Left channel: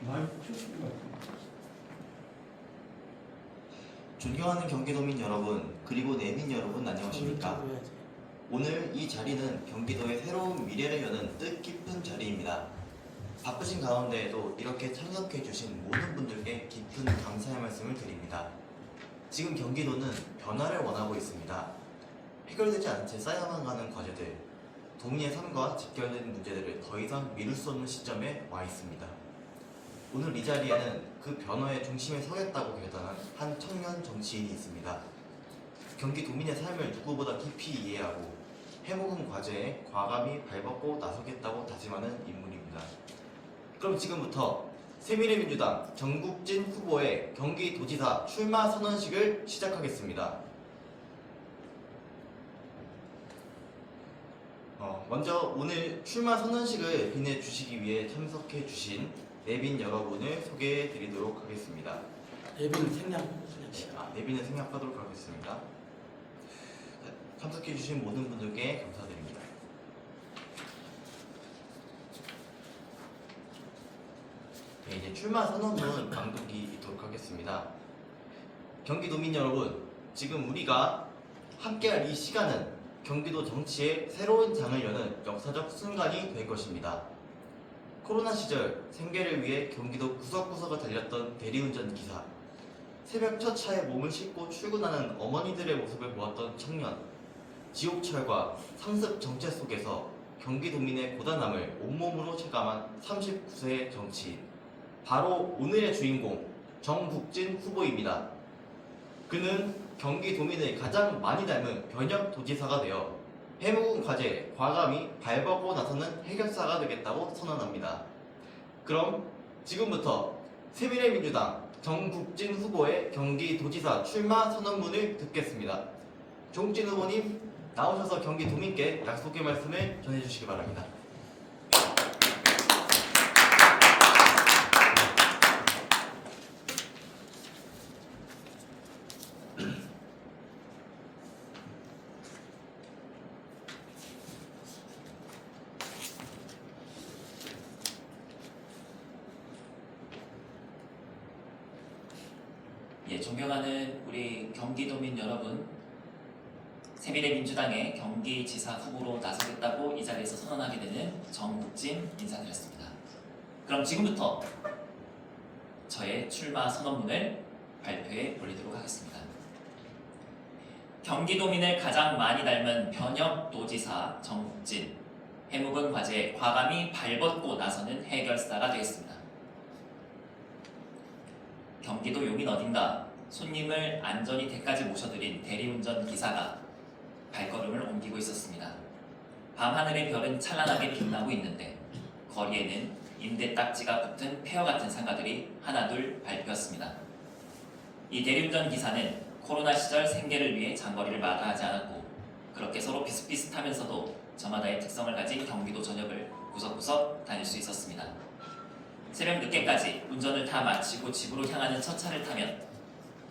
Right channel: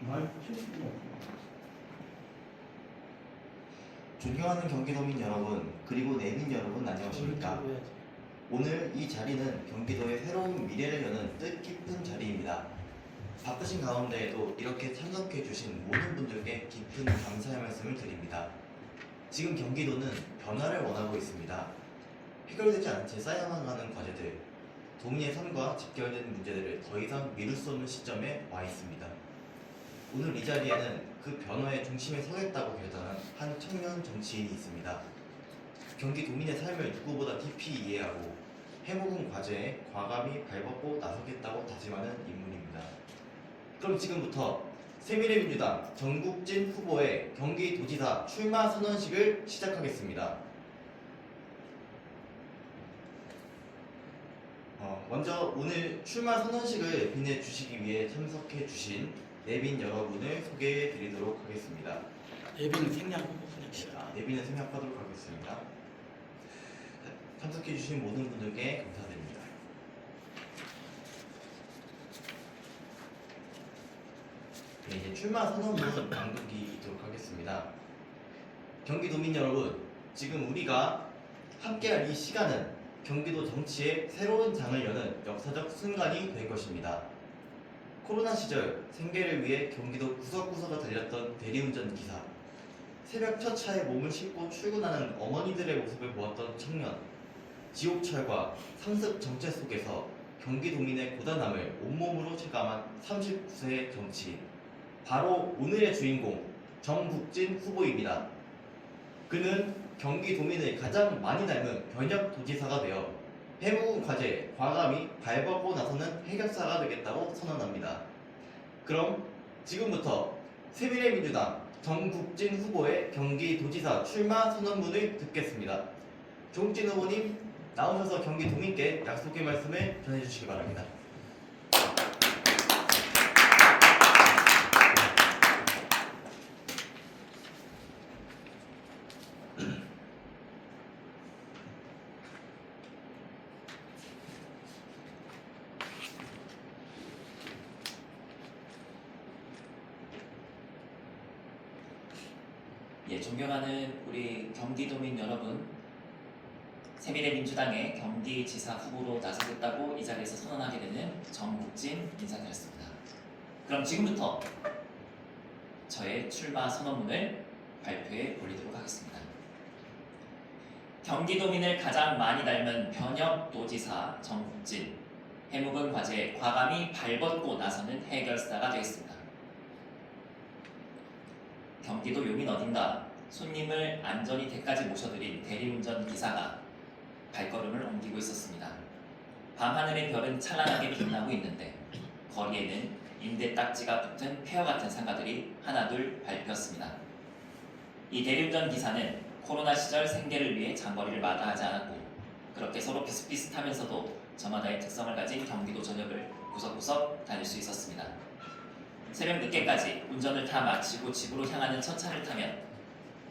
많이 보셨던 것 같아요. 존경하는 경기도민 여러분, 그리고 내민 여러분 안녕하십니까? 오늘 이 자리는 경기도의 새로운 미래를 여는 뜻깊은 자리입니다. 바쁘신 가운데에도 이렇게 참석해 주신 모든 분들께 깊은 감사의 말씀을 드립니다. 지금 경기도는 변화를 원하고 있습니다. 해결되지 않은 채 쌓여만 가는 과제들, 도민의 삶과 직결된 문제들을 더 이상 미룰 수 없는 시점에 와 있습니다. 오늘 이 자리에는 그 변화의 중심에 서겠다고 결단한 한 청년 정치인이 있습니다. 경기도민의 삶을 누구보다 깊이 이해하고 해묵은 과제에 과감히 발벗고 나서겠다고 다짐하는 인물입니다. 그럼 지금부터 새미래민주당 정국진 후보의 경기도지사 출마 선언식을 시작하겠습니다. 먼저 오늘 출마 선언식을 빛내주시기 위해 참석해 주신 내빈 여러분을 소개해 드리도록 하겠습니다. 예비는 생략합시다. 내빈을 생략하도록 하겠습니다. 참석해 주신 모든 분들께 감사드립니다. 네, 이제 출마 선언문 낭독이 있도록 하겠습니다. 경기도민 여러분, 지금 우리가 함께할 이 시간은 경기도 정치의 새로운 장을 여는 역사적 순간이 될 것입니다. 코로나 시절 생계를 위해 경기도 구석구석을 달렸던 대리운전 기사, 새벽 첫 차에 몸을 싣고 출근하는 어머니들의 모습을 보았던 청년, 지옥철과 상습 정체 속에서 경기도민의 고단함을 온몸으로 체감한 39세의 정치인, 바로 오늘의 주인공 정국진 후보입니다. 그는 경기도민을 가장 많이 닮은 변혁도지사가 되어 해묵은 과제에 과감히 발벗고 나서는 해결사가 되겠다고 선언합니다. 그럼 지금부터 새미래민주당 정국진 후보의 경기도지사 출마 선언문을 듣겠습니다. 정국진 후보님 나오셔서 경기도민께 약속의 말씀을 전해주시기 바랍니다. 예, 존경하는 우리 경기도민 여러분, 새미래민주당의 경기지사 후보로 나서겠다고 이 자리에서 선언하게 되는 정국진 인사드렸습니다. 그럼 지금부터 저의 출마 선언문을 발표해 올리도록 하겠습니다. 경기도민을 가장 많이 닮은 변혁도지사 정국진, 해묵은 과제에 과감히 발벗고 나서는 해결사가 되겠습니다. 경기도 용인 어딘가 손님을 안전히 댁까지 모셔드린 대리운전 기사가 발걸음을 옮기고 있었습니다. 밤하늘의 별은 찬란하게 빛나고 있는데 거리에는 인대 딱지가 붙은 폐허 같은 상가들이 하나둘 밟혔습니다. 이 대리운전 기사는 코로나 시절 생계를 위해 장거리를 마다하지 않았고 그렇게 서로 비슷비슷하면서도 저마다의 특성을 가진 경기도 전역을 구석구석 다닐 수 있었습니다. 새벽 늦게까지 운전을 다 마치고 집으로 향하는 첫 차를 타면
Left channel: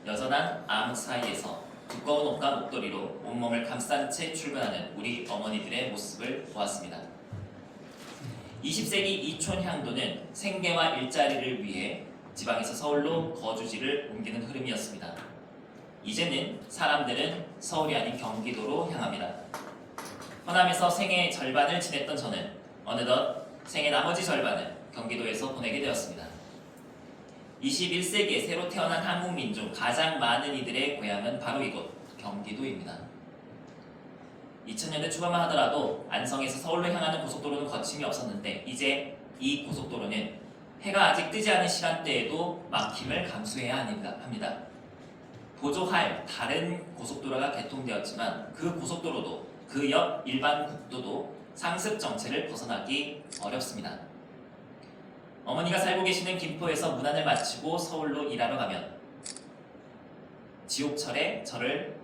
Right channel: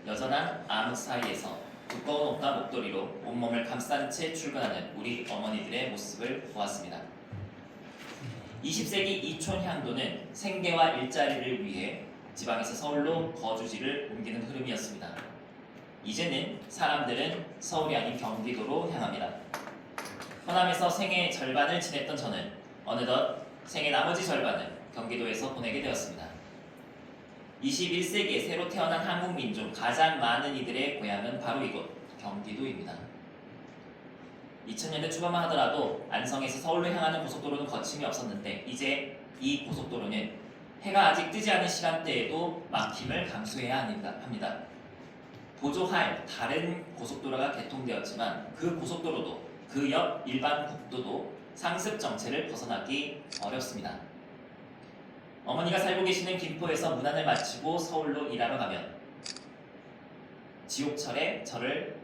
여전한 암흑 사이에서 두꺼운 옷과 목도리로 온몸을 감싼 채 출근하는 우리 어머니들의 모습을 보았습니다. 20세기 이촌향도는 생계와 일자리를 위해 지방에서 서울로 거주지를 옮기는 흐름이었습니다. 이제는 사람들은 서울이 아닌 경기도로 향합니다. 호남에서 생애 절반을 지냈던 저는 어느덧 생애 나머지 절반을 경기도에서 보내게 되었습니다. 21세기에 새로 태어난 한국민 중 가장 많은 이들의 고향은 바로 이곳 경기도입니다. 2000년대 초반만 하더라도 안성에서 서울로 향하는 고속도로는 거침이 없었는데 이제 이 고속도로는 해가 아직 뜨지 않은 시간대에도 막힘을 감수해야 합니다. 보조할 다른 고속도로가 개통되었지만 그 고속도로도 그 옆 일반 국도도 상습 정체를 벗어나기 어렵습니다. 어머니가 살고 계시는 김포에서 문안을 마치고 서울로 일하러 가면 지옥철에 저를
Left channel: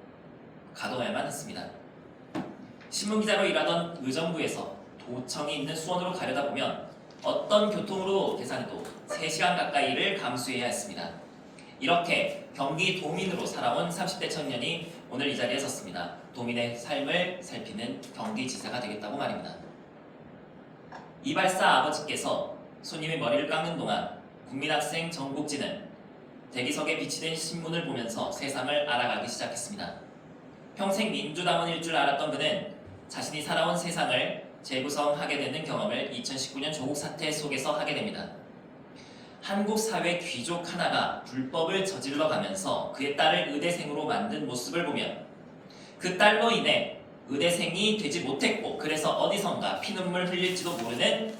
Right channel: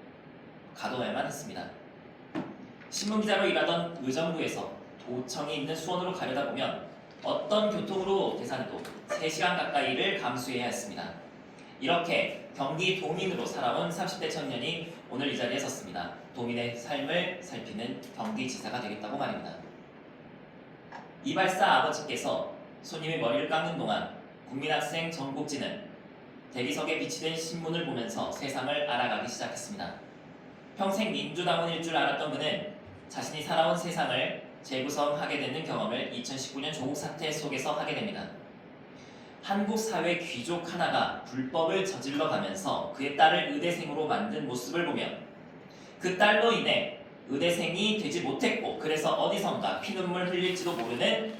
가둬야만 했습니다. 신문기자로 일하던 의정부에서 도청이 있는 수원으로 가려다 보면 어떤 교통으로 계산해도 3시간 가까이를 감수해야 했습니다. 이렇게 경기도민으로 살아온 30대 청년이 오늘 이 자리에 섰습니다. 도민의 삶을 살피는 경기지사가 되겠다고 말입니다. 이발사 아버지께서 손님이 머리를 깎는 동안 국민학생 정국진은 대기석에 비치된 신문을 보면서 세상을 알아가기 시작했습니다. 평생 민주당원일 줄 알았던 그는 자신이 살아온 세상을 재구성하게 되는 경험을 2019년 조국 사태 속에서 하게 됩니다. 한국 사회 귀족 하나가 불법을 저질러 가면서 그의 딸을 의대생으로 만든 모습을 보며 그 딸로 인해 의대생이 되지 못했고 그래서 어디선가 피눈물 흘릴지도 모르는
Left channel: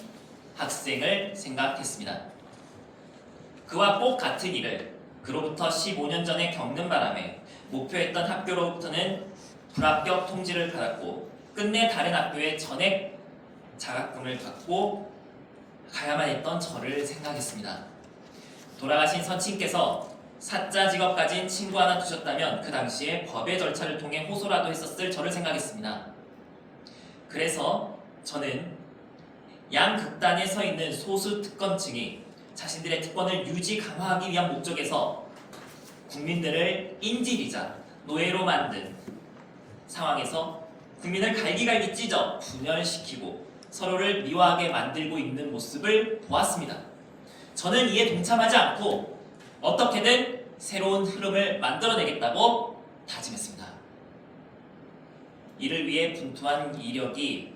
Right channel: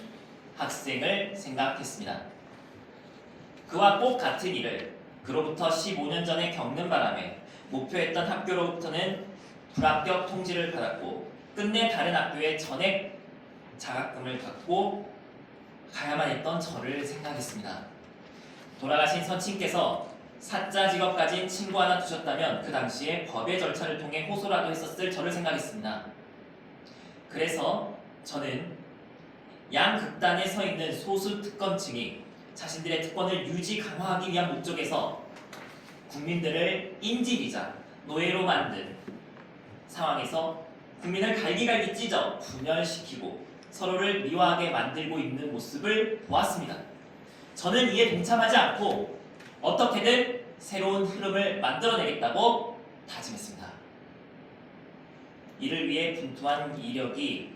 학생을 생각했습니다. 그와 꼭 같은 일을 그로부터 15년 전에 겪는 바람에 목표했던 학교로부터는 불합격 통지를 받았고 끝내 다른 학교에 전액 장학금을 받고 가야만 했던 저를 생각했습니다. 돌아가신 선친께서 사자 직업 가진 친구 하나 두셨다면 그 당시에 법의 절차를 통해 호소라도 했었을 저를 생각했습니다. 그래서 저는 양극단에 서 있는 소수 특권층이 자신들의 특권을 유지 강화하기 위한 목적에서 국민들을 인질이자 노예로 만든 상황에서 국민을 갈기갈기 찢어 분열시키고 서로를 미워하게 만들고 있는 모습을 보았습니다. 저는 이에 동참하지 않고 어떻게든 새로운 흐름을 만들어내겠다고 다짐했습니다. 이를 위해 분투한 이력이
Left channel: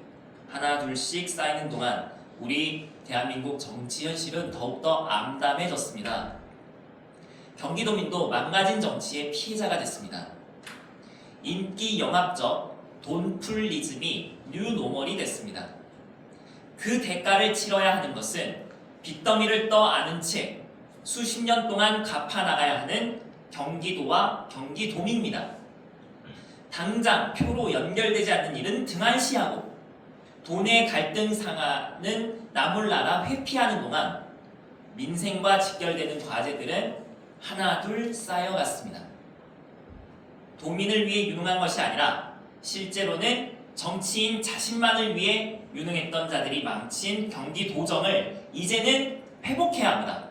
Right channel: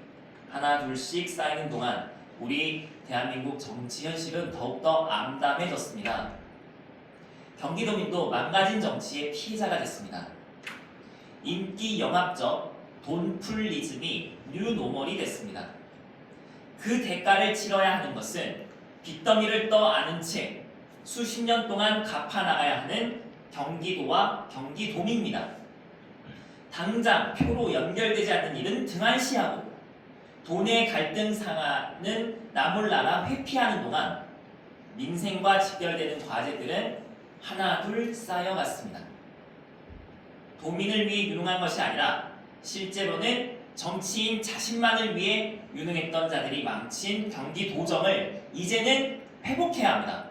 하나 둘씩 쌓이는 동안 우리 대한민국 정치 현실은 더욱더 암담해졌습니다. 경기도민도 망가진 정치의 피해자가 됐습니다. 인기 영합적 돈풀리즘이 뉴노멀이 됐습니다. 그 대가를 치러야 하는 것은 빚더미를 떠안은 채 수십 년 동안 갚아나가야 하는 경기도와 경기도민입니다. 당장 표로 연결되지 않는 일은 등한시하고 돈의 갈등 상하는 나몰라라 회피하는 동안 민생과 직결되는 과제들은 하나 둘 쌓여갔습니다. 도민을 위해 유능한 것이 아니라 실제로는 정치인 자신만을 위해 유능했던 자들이 망친 경기도정을 이제는 회복해야 합니다.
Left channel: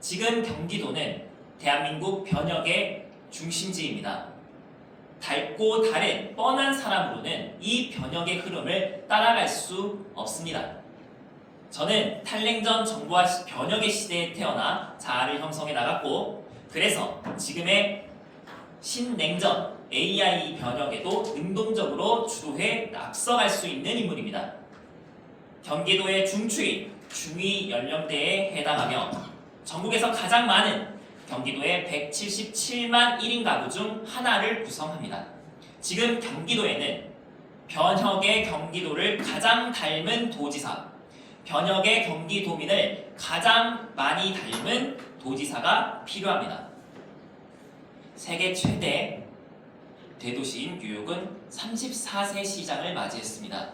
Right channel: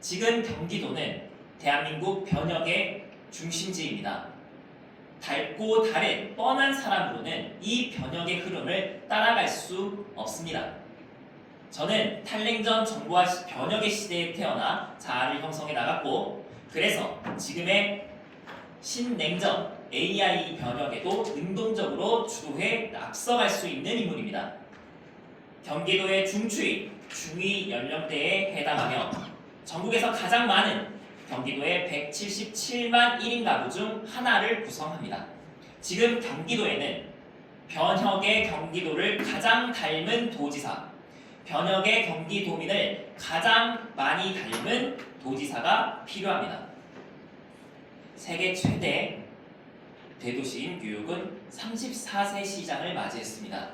지금 경기도는 대한민국 변혁의 중심지입니다. 닳고 다른 뻔한 사람으로는 이 변혁의 흐름을 따라갈 수 없습니다. 저는 탈냉전 정부와 변혁의 시대에 태어나 자아를 형성해 나갔고 그래서 지금의 신냉전 AI 변혁에도 능동적으로 주도해 앞서갈 수 있는 인물입니다. 경기도의 중추위, 중위 연령대에 해당하며 전국에서 가장 많은 경기도의 177만 1인 가구 중 하나를 구성합니다. 지금 경기도에는 변혁의 경기도를 가장 닮은 도지사, 변혁의 경기도민을 가장 많이 닮은 도지사가 필요합니다. 세계 최대 대도시인 뉴욕은 34세 시장을 맞이했습니다.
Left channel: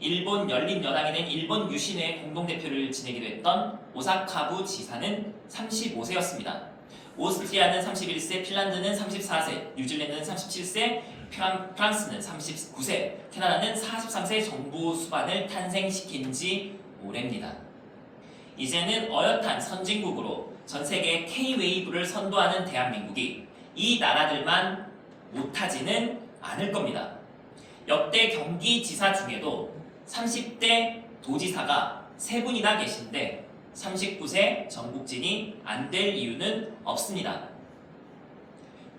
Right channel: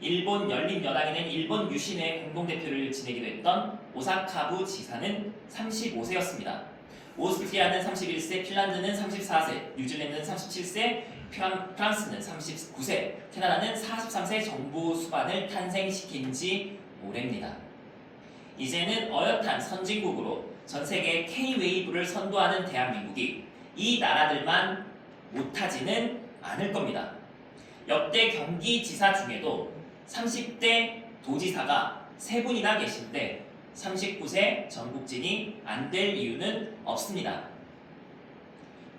일본 열린여당에는 일본 유신회 공동대표를 지내기도 했던 오사카부 지사는 35세였습니다. 오스트리아는 31세, 핀란드는 34세, 뉴질랜드는 37세, 프랑스는 39세, 캐나다는 43세 정부 수반을 탄생시킨 지 오래입니다. 이제는 어엿한 선진국으로 전세계 K-웨이브를 선도하는 대한민국이 이 나라들만 못하지는 않을 겁니다. 역대 경기지사 중에도 30대 도지사가 3분이나 계신데 39세 전국진이 안 될 이유는 없습니다.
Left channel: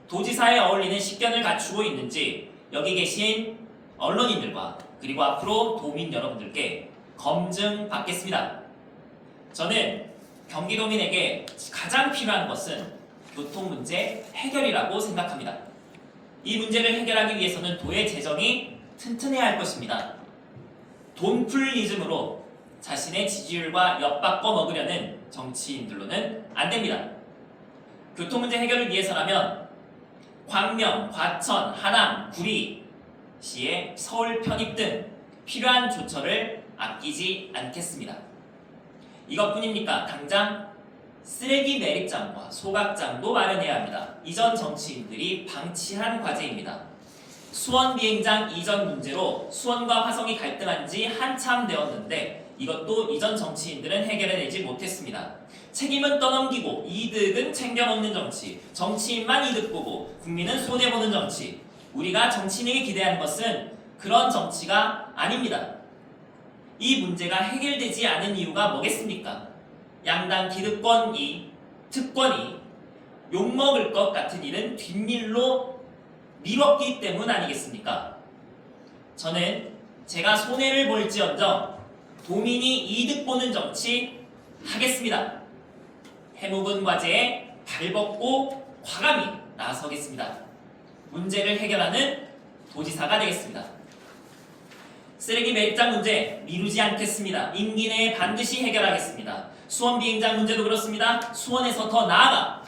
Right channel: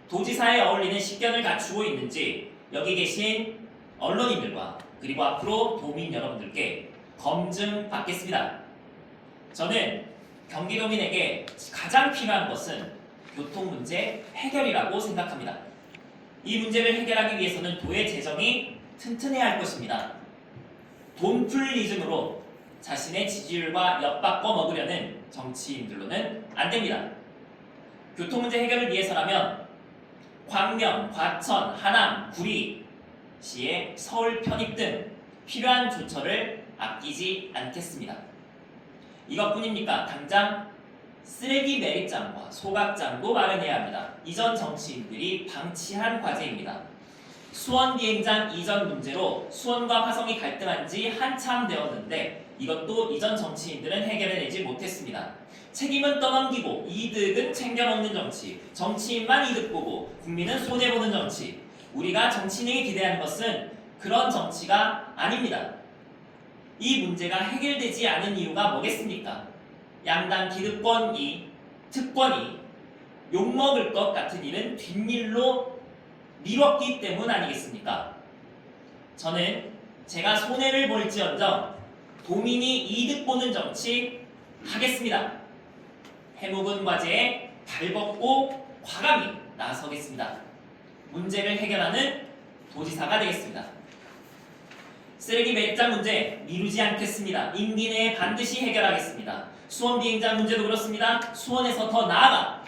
도지사에 어울리는 식견을 갖추고 있는지 여기 계신 언론인들과 그리고 앞으로 도민 여러분들께 검증받겠습니다. 저는 경기도민에게 가장 필요한 것은 교통 문제 해결이라고 생각합니다. 이 문제를 해결하기 위해서는 도의 재정이 튼튼해야 할 것입니다. 돈풀리즘으로 자신의 지지율과 엿바꿔 먹으려는 정치인들로는 안 됩니다. 교통 문제 해결을 위해서라면 광명, 과천, 하남, 구리시의 서울 편입 등 필요한 조처를 아끼지 않겠습니다. 이것뿐입니까? 당장 쓰레기 매립장과 소각장도 마련해야 합니다. 이전 정치인들이 방치한 과제입니다. 수원 비행장 이전 문제로 수원과 화성이 갈등한 지 한참 되었는데 이것도 이전 정치인들은 해결해내지 못했습니다. 책임은 떠넘기고 이득은 챙겨먹는 정치, 정치인만 이득 보고 국민은 손해보는 정치. 우리가 정치인에게 기대하는 것은 그런 정치가 아닙니다. 이 문제가 해결되지 않은 이유가 뭐겠습니까? 양당 특권이 욕먹을 것 같은 일은 뒷일로 미뤘기 때문 아니겠습니까? 저는 제가 손해를 볼지언정 도민이 이득 보는 정치 하겠습니다. 해묵은 과제에 발벗고 과감히 나서겠습니다. 문제를 해결하는 도지사가 되겠습니다. 쓰레기 매입장 문제 미루지 않겠습니다. 임기 내에 반드시 해결하겠습니다. 수원 비행장 문제도 그렇습니다. 수원에서 더 나아가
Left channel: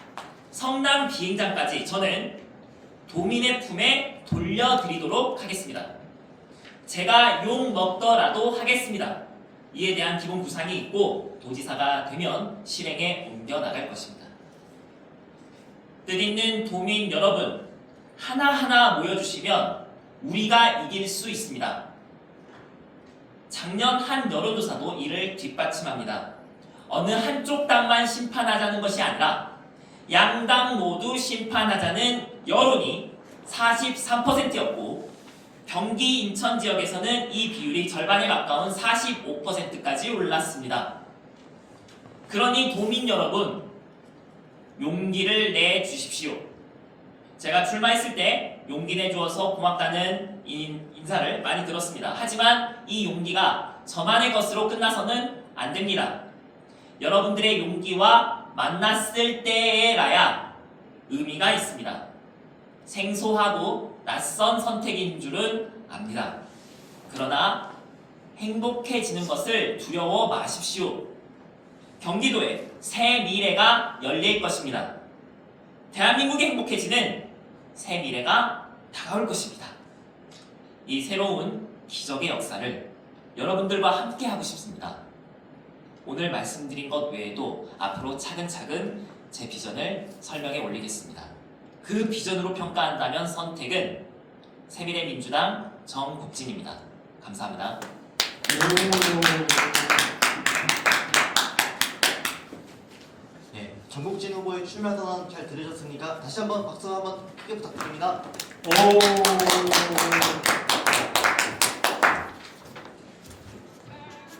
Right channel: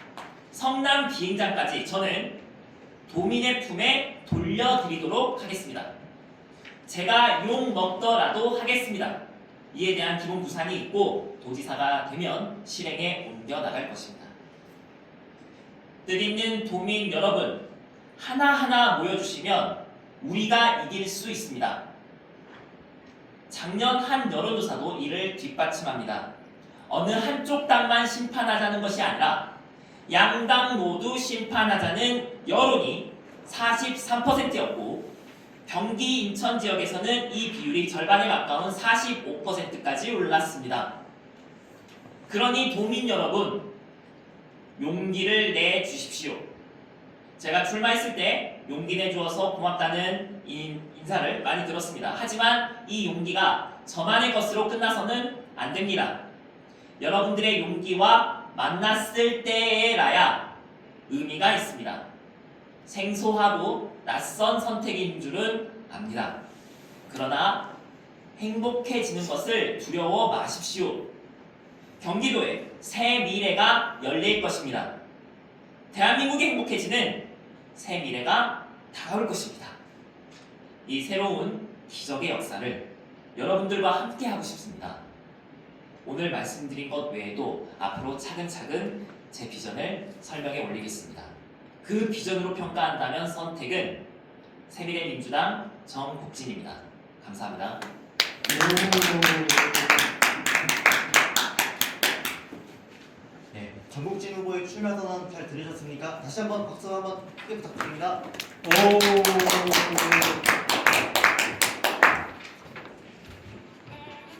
성남 비행장까지 저는 도민의 품에 돌려드리도록 하겠습니다. 제가 욕 먹더라도 하겠습니다. 이에 대한 기본 구상이 있고 도지사가 되면 실행에 옮겨 나갈 것입니다. 뜻있는 도민 여러분, 하나하나 모여주시면 우리가 이길 수 있습니다. 작년 한 여론조사도 이를 뒷받침합니다. 어느 한쪽 당만 심판하자는 것이 아니라 양당 모두 심판하자는 여론이 43%였고 경기 인천 지역에서는 이 비율이 절반에 가까운 45%까지 올랐습니다. 그러니 도민 여러분, 용기를 내주십시오. 제가 출마했을 때 용기 내주어서 고맙다는 인사를 많이 들었습니다. 하지만 이 용기가 저만의 것으로 끝나서는 안 됩니다. 여러분들의 용기와 만났을 때에라야 의미가 있습니다. 생소하고 낯선 선택인 줄은 압니다. 그러나 행복해지는 것을 두려워 마십시오. 경기도에 새 미래가 열릴 것입니다. 대한민국이 행복해지는 새 미래가 다가올 것입니다. 이 새로운 기적의 역사를 여러분들과 함께 하고 싶습니다. 오늘 말씀드린 것 외에도 앞으로 차근차근 제 비전을 설명해 올리겠습니다. 그 비전으로 평가한다면 선택은 새미래민주당 정국진입니다. 감사합니다. 네, 정국진 후보의 출마 선언 잘 들으셨습니까? 다시 한번 박수 한번 크게 부탁드립니다. 오.